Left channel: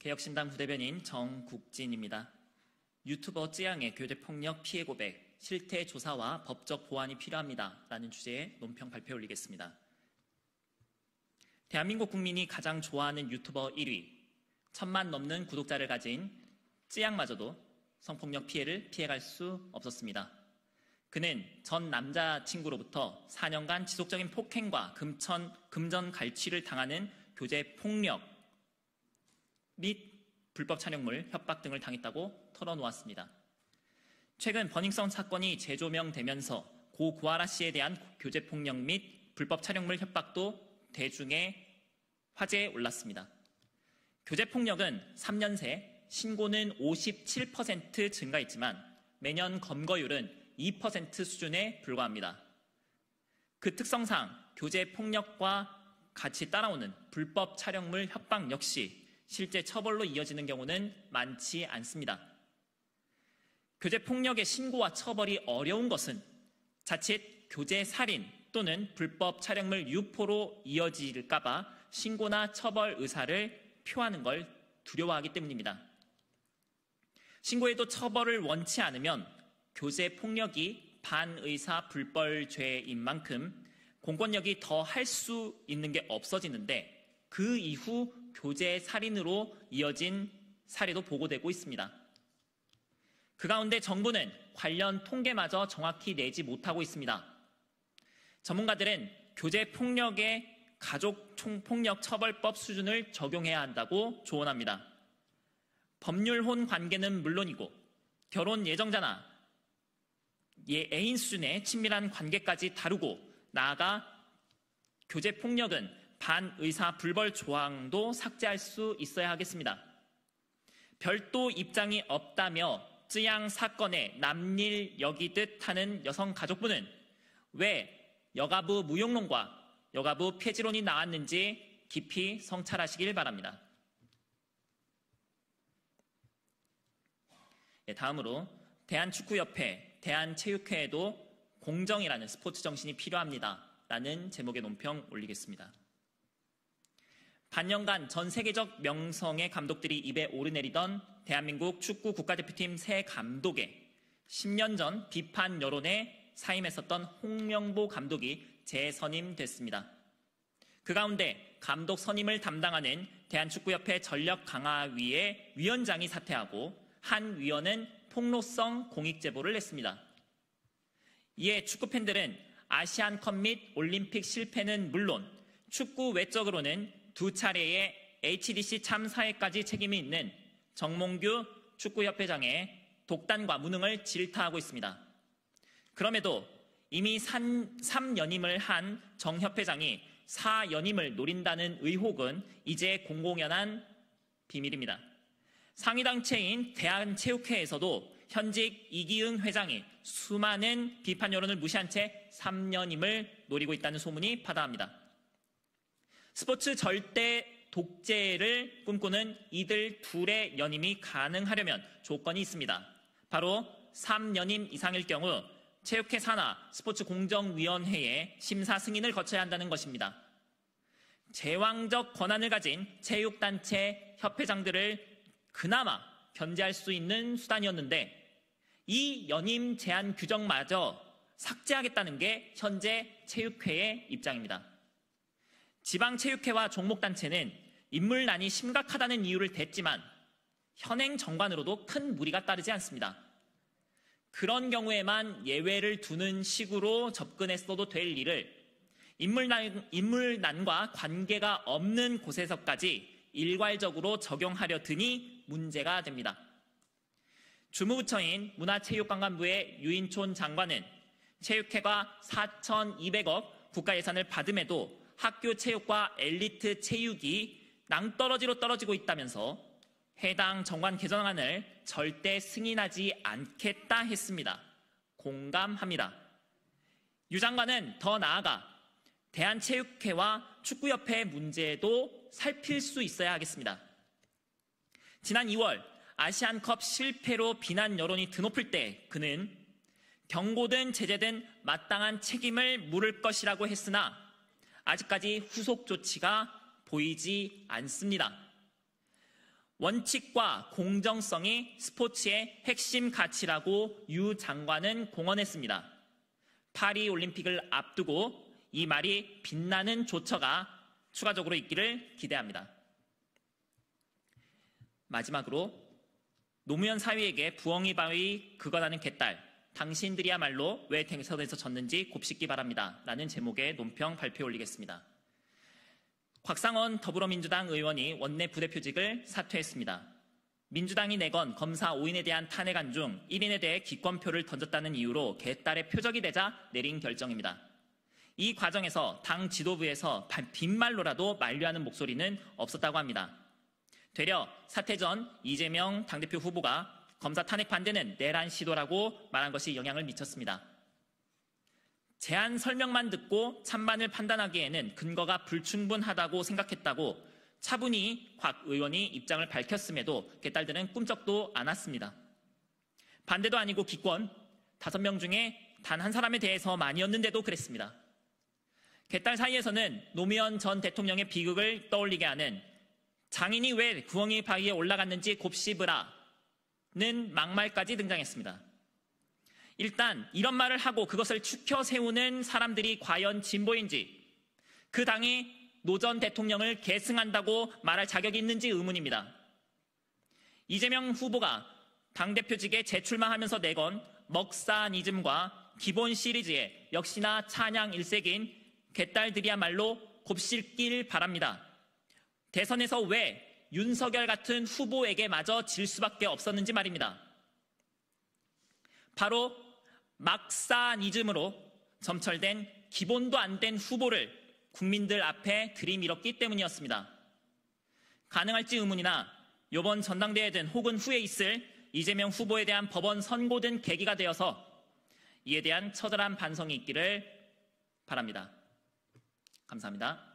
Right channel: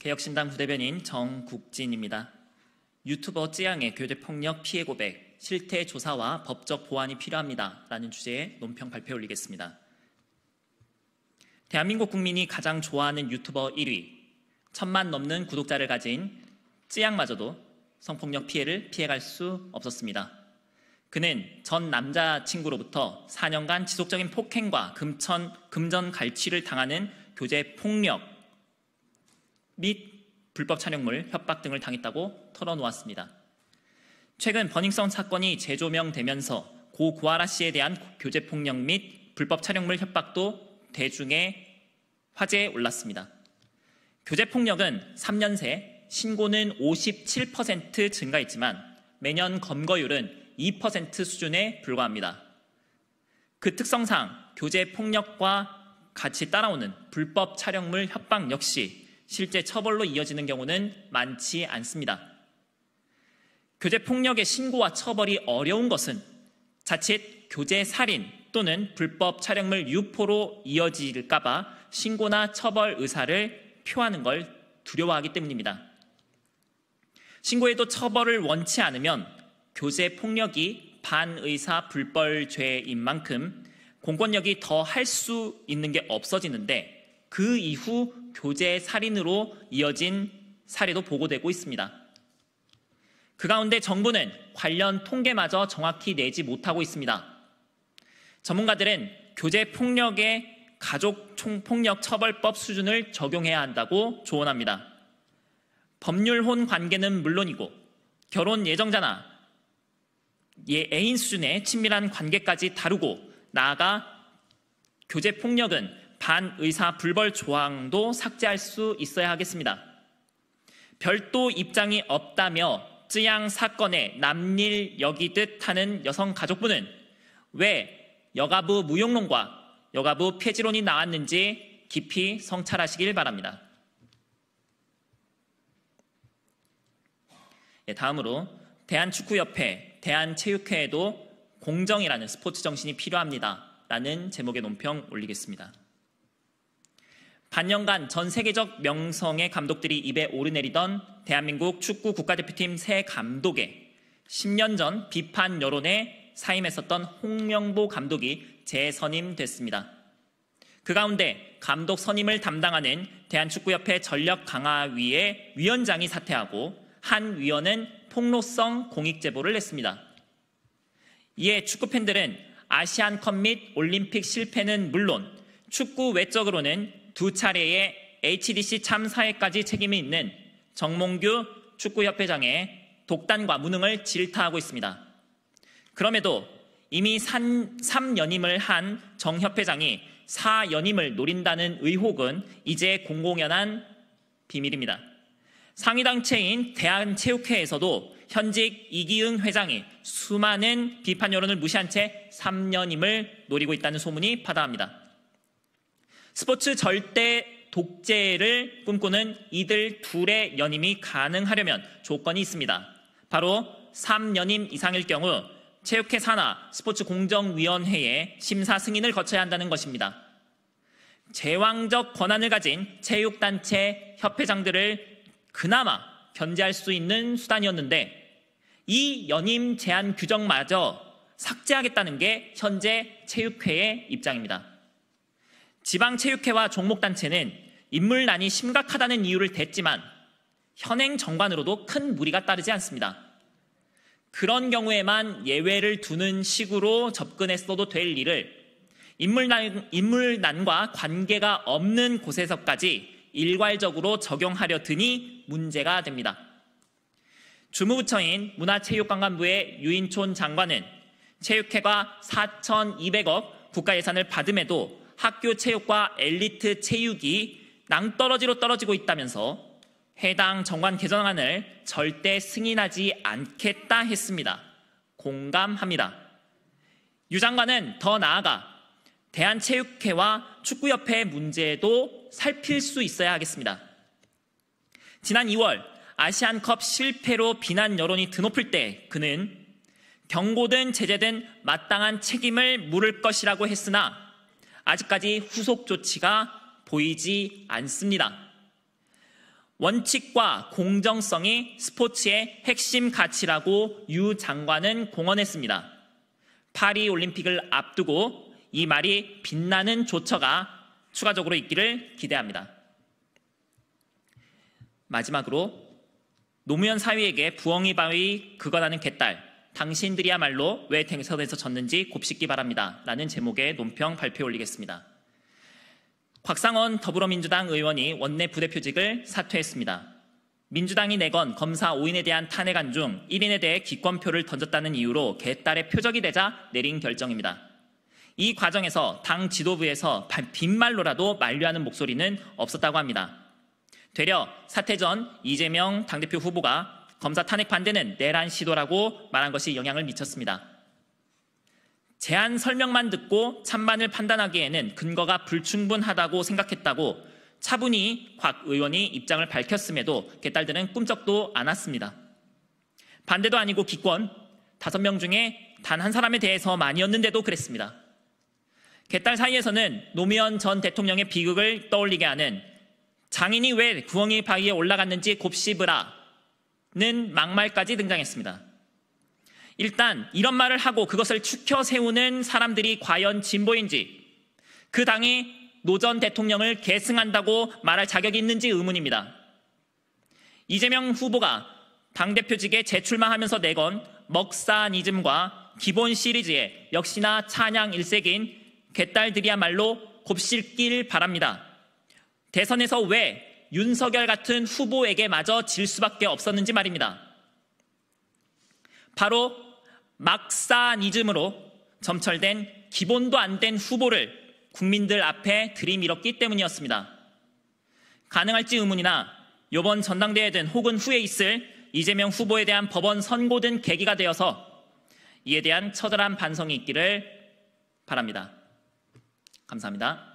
개혁신당 부대변인 정국진입니다. 유튜버 쯔양의 교대폭력 피해 고백, 실태 조사와 법적 보완이 필요합니다. 라는 주제의 논평 발표 올리겠습니다. 대한민국 국민이 가장 좋아하는 유튜버 1위, 1000만 넘는 구독자를 가진 쯔양마저도 성폭력 피해를 피해갈 수 없었습니다. 그는 전 남자친구로부터 4년간 지속적인 폭행과 금전 갈취를 당하는 교제 폭력 및 불법 촬영물, 협박 등을 당했다고 털어놓았습니다. 최근 버닝썬 사건이 재조명되면서 고 구아라 씨에 대한 교제 폭력 및 불법 촬영물 협박도 대중의 화제에 올랐습니다. 교제 폭력은 3년 새 신고는 57% 증가했지만 매년 검거율은 2% 수준에 불과합니다. 그 특성상 교제 폭력과 같이 따라오는 불법 촬영물 협박 역시 실제 처벌로 이어지는 경우는 많지 않습니다. 교제 폭력의 신고와 처벌이 어려운 것은 자칫 교제 살인 또는 불법 촬영물 유포로 이어질까 봐 신고나 처벌 의사를 표하는 걸 두려워하기 때문입니다. 신고에도 처벌을 원치 않으면 교제 폭력이 반의사 불벌죄인 만큼 공권력이 더 할 수 있는 게 없어지는데 그 이후 교제 살인으로 이어진 사례도 보고되고 있습니다. 그 가운데 정부는 관련 통계마저 정확히 내지 못하고 있습니다. 전문가들은 교제 폭력의 가족폭력 처벌법 수준을 적용해야 한다고 조언합니다. 법률혼 관계는 물론이고 결혼 예정자나 애인 수준의 친밀한 관계까지 다루고 나아가 교제 폭력은 반의사 불벌 조항도 삭제할 수 있어야 하겠습니다. 별도 입장이 없다며 쯔양 사건에 남일 여기듯 하는 여성가족부는 왜 여가부 무용론과 여가부 폐지론이 나왔는지 깊이 성찰하시길 바랍니다. 다음으로 대한축구협회, 대한체육회에도 공정이라는 스포츠 정신이 필요합니다. 라는 제목의 논평 올리겠습니다. 반년간 전 세계적 명성의 감독들이 입에 오르내리던 대한민국 축구 국가대표팀 새 감독에 10년 전 비판 여론에 사임했었던 홍명보 감독이 재선임됐습니다. 그 가운데 감독 선임을 담당하는 대한축구협회 전력강화위의 위원장이 사퇴하고 한 위원은 폭로성 공익제보를 냈습니다. 이에 축구팬들은 아시안컵 및 올림픽 실패는 물론 축구 외적으로는 2차례의 HDC 참사에까지 책임이 있는 정몽규 축구협회장의 독단과 무능을 질타하고 있습니다. 그럼에도 이미 3연임을 한 정 협회장이 4연임을 노린다는 의혹은 이제 공공연한 비밀입니다. 상위단체인 대한체육회에서도 현직 이기흥 회장이 수많은 비판 여론을 무시한 채 3연임을 노리고 있다는 소문이 파다합니다. 스포츠 절대 독재를 꿈꾸는 이들 둘의 연임이 가능하려면 조건이 있습니다. 바로 3연임 이상일 경우 체육회 산하 스포츠공정위원회의 심사 승인을 거쳐야 한다는 것입니다. 제왕적 권한을 가진 체육단체 협회장들을 그나마 견제할 수 있는 수단이었는데 이 연임 제한 규정마저 삭제하겠다는 게 현재 체육회의 입장입니다. 지방체육회와 종목단체는 인물난이 심각하다는 이유를 댔지만 현행 정관으로도 큰 무리가 따르지 않습니다. 그런 경우에만 예외를 두는 식으로 접근했어도 될 일을 인물난과 관계가 없는 곳에서까지 일괄적으로 적용하려 드니 문제가 됩니다. 주무부처인 문화체육관광부의 유인촌 장관은 체육회가 4,200억 국가 예산을 받음에도 학교 체육과 엘리트 체육이 낭떠러지로 떨어지고 있다면서 해당 정관 개정안을 절대 승인하지 않겠다 했습니다. 공감합니다. 유 장관은 더 나아가 대한체육회와 축구협회 문제도 살필 수 있어야 하겠습니다. 지난 2월 아시안컵 실패로 비난 여론이 드높을 때 그는 경고든 제재든 마땅한 책임을 물을 것이라고 했으나 아직까지 후속 조치가 보이지 않습니다. 원칙과 공정성이 스포츠의 핵심 가치라고 유 장관은 공언했습니다. 파리올림픽을 앞두고 이 말이 빛나는 조처가 추가적으로 있기를 기대합니다. 마지막으로 노무현 사위에게 부엉이 바위 그거라는 개딸, 당신들이야말로 왜 대선에서 졌는지 곱씹기 바랍니다. 라는 제목의 논평 발표해 올리겠습니다. 곽상원 더불어민주당 의원이 원내 부대표직을 사퇴했습니다. 민주당이 내건 검사 5인에 대한 탄핵안 중 1인에 대해 기권표를 던졌다는 이유로 개딸의 표적이 되자 내린 결정입니다. 이 과정에서 당 지도부에서 빈말로라도 만류하는 목소리는 없었다고 합니다. 되려 사퇴 전 이재명 당대표 후보가 검사 탄핵 반대는 내란 시도라고 말한 것이 영향을 미쳤습니다. 제안 설명만 듣고 찬반을 판단하기에는 근거가 불충분하다고 생각했다고 차분히 곽 의원이 입장을 밝혔음에도 개딸들은 꿈쩍도 않았습니다. 반대도 아니고 기권, 5명 중에 단 한 사람에 대해서만이었는데도 그랬습니다. 개딸 사이에서는 노무현 전 대통령의 비극을 떠올리게 하는 장인이 왜 부엉이 바위에 올라갔는지 곱씹으라는 막말까지 등장했습니다. 일단 이런 말을 하고 그것을 추켜 세우는 사람들이 과연 진보인지, 그 당이 노 전 대통령을 계승한다고 말할 자격이 있는지 의문입니다. 이재명 후보가 당대표직에 재출마하면서 내건 먹사니즘과 기본 시리즈에 역시나 찬양 일색인 개딸들이야말로 곱씹길 바랍니다. 대선에서 왜 윤석열 같은 후보에게마저 질 수밖에 없었는지 말입니다. 바로 막사니즘으로 점철된 기본도 안 된 후보를 국민들 앞에 들이밀었기 때문이었습니다. 가능할지 의문이나 이번 전당대회든 혹은 후에 있을 이재명 후보에 대한 법원 선고 등 계기가 되어서 이에 대한 처절한 반성이 있기를 바랍니다. 감사합니다.